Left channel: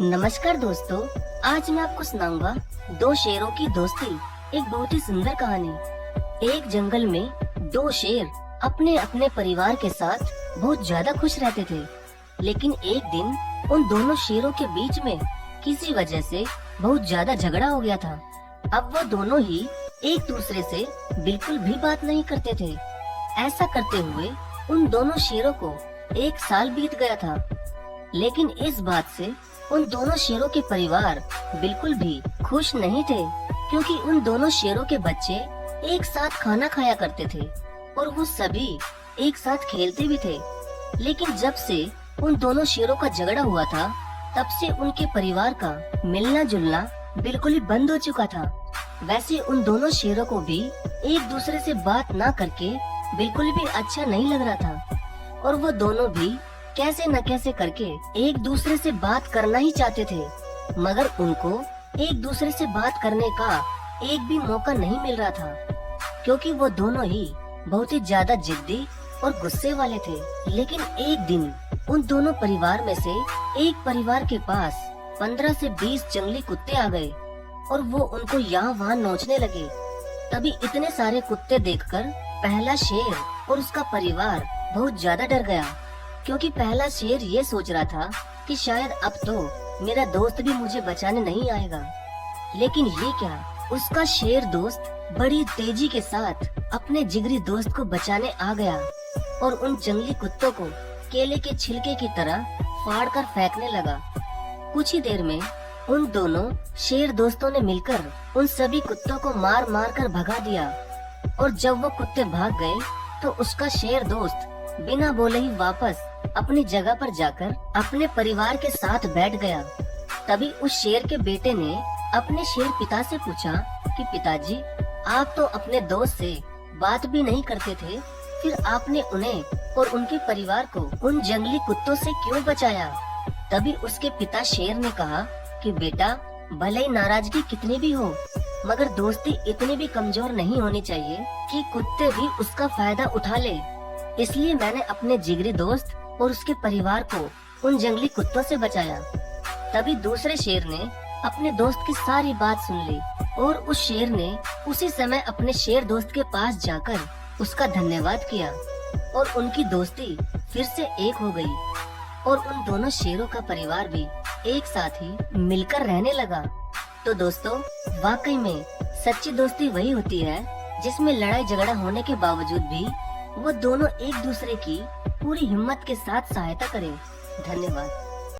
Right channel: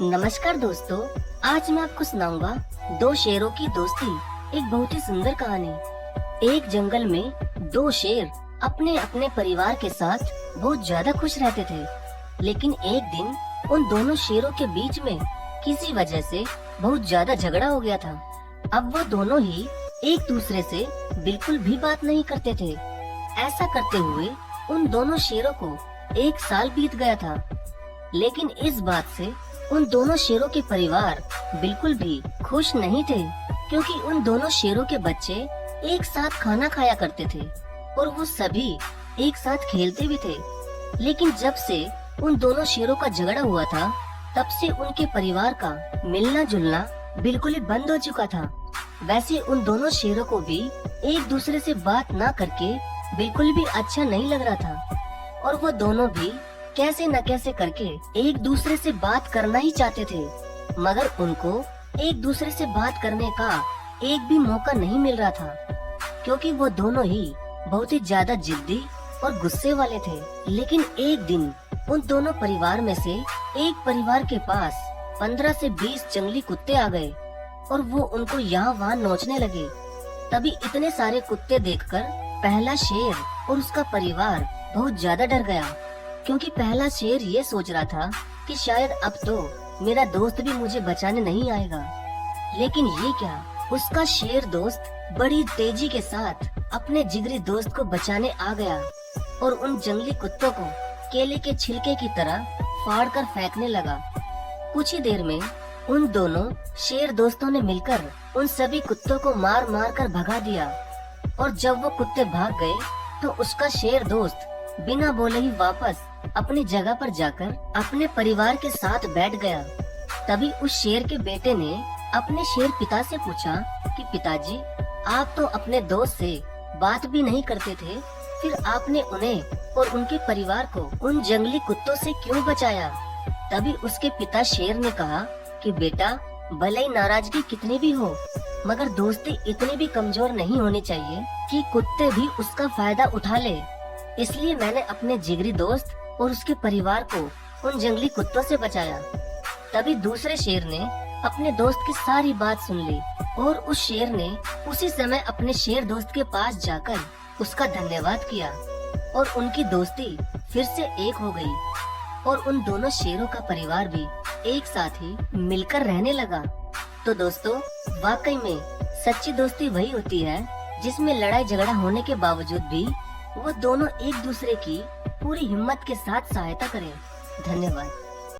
नमस्कार दोस्तों, आज मैं आपको सुनाऊंगा दो शेरों की दोस्ती। एक बहुत ही सुंदर कहानी। एक जंगल में दो शेर अपने अपने परिवार के साथ बहुत ज्यादा खुश रहते थे। लेकिन एक दिन उन दोनों शेरों के बीच में किसी वजह से बहुत ज्यादा झगड़ा हो गया था। अब वो दोनों ही एक दूसरे से बिल्कुल भी बात नहीं करते थे। ऐसा करते हुए उन दोनों शेरों को एक साल बीत गया था। लेकिन इस बात से उन दोनों शेरों के परिवार बिल्कुल भी खुश नहीं थे, क्योंकि उन दोनों शेरों के बच्चे एक साथ खाना खाया करते थे और वो सभी एक साथ खेलते भी थे। लेकिन जब से उन दोनों शेरों का झगड़ा हुआ था, तब से उनके परिवार का मिलना जुलना बिल्कुल ही बंद हो चुका था। वैसे उन दोनों शेरों को भी एक दूसरे से बात न करके बिल्कुल भी अच्छा नहीं लग रहा था और वो दोनों भी कैसे न कैसे करके एक दूसरे से बात करना ही चाहते थे, मगर उनको एक दूसरे से बात करने का एक भी मौका नहीं मिल रहा था, क्योंकि वो दोनों ही बहुत ही ज्यादा जिद्दी और गुस्से वाले थे। लेकिन एक दिन उन दोनों परिवार में से एक परिवार के पास 15 से 20 जंगली कुत्ते आ गए और वो उनको यहाँ वहाँ नोचने लगे। तभी इतने सारे कुत्ते देखकर पहला शेर और उसका परिवार बहुत ज्यादा डर गया, क्योंकि पहला शेर ये सोच रहा था कि शायद अब तो मेरा दोस्त भी मुझे बचाने नहीं आएगा। लेकिन ये क्या, उसका शेर दोस्त बड़ी तेजी के साथ अपने जिगरी दोस्त को बचाने आ गया और उन जंगली कुत्तों को केले के छिलके की तरह फाड़ कर फेंकने लगा। कुछ ही देर में उन दोनों शेर दोस्तों ने मिलकर उन सभी कुत्तों को मार मार कर भगा दिया और जब वो कुत्ते भाग गए तो उसका शेर दोस्त बिना बोले ही वापस अपनी जगह पर जाकर अपने परिवार के साथ बैठ गया। तभी उस शेर के बेटे ने अपने शेर पिता से पूछा कि पिताजी, आप तो अपने दोस्त से बात भी नहीं करते थे, फिर आपने उन्हें और उनके परिवार को उन जंगली कुत्तों से क्यों बचाया? तभी उसके पिता शेर ने कहा कि बेटा, भले ही नाराजगी कितनी भी हो, मगर दोस्ती इतनी भी कमजोर नहीं होनी चाहिए कि कुत्ते भी उसका फायदा उठा ले। इसलिए मैंने अपने जिगरी दोस्त और उसके परिवार को उन जंगली कुत्तों से बचाया। तभी दूसरे शेर ने अपने दोस्त की सारी बात सुन ली और उस शेर ने उसी समय अपने शेर दोस्त के पास जाकर उसका धन्यवाद किया और उनकी दोस्ती फिर से एक हो गई और उन दोनों शेरों का परिवार भी एक साथ ही मिलकर रहने लगा। तो दोस्तों, वाकई में सच्ची दोस्ती वही होती है जिसमें लड़ाई झगड़ा होने के बावजूद भी वो दोनों एक दूसरे की पूरी हिम्मत के साथ सहायता करें। धन्यवाद।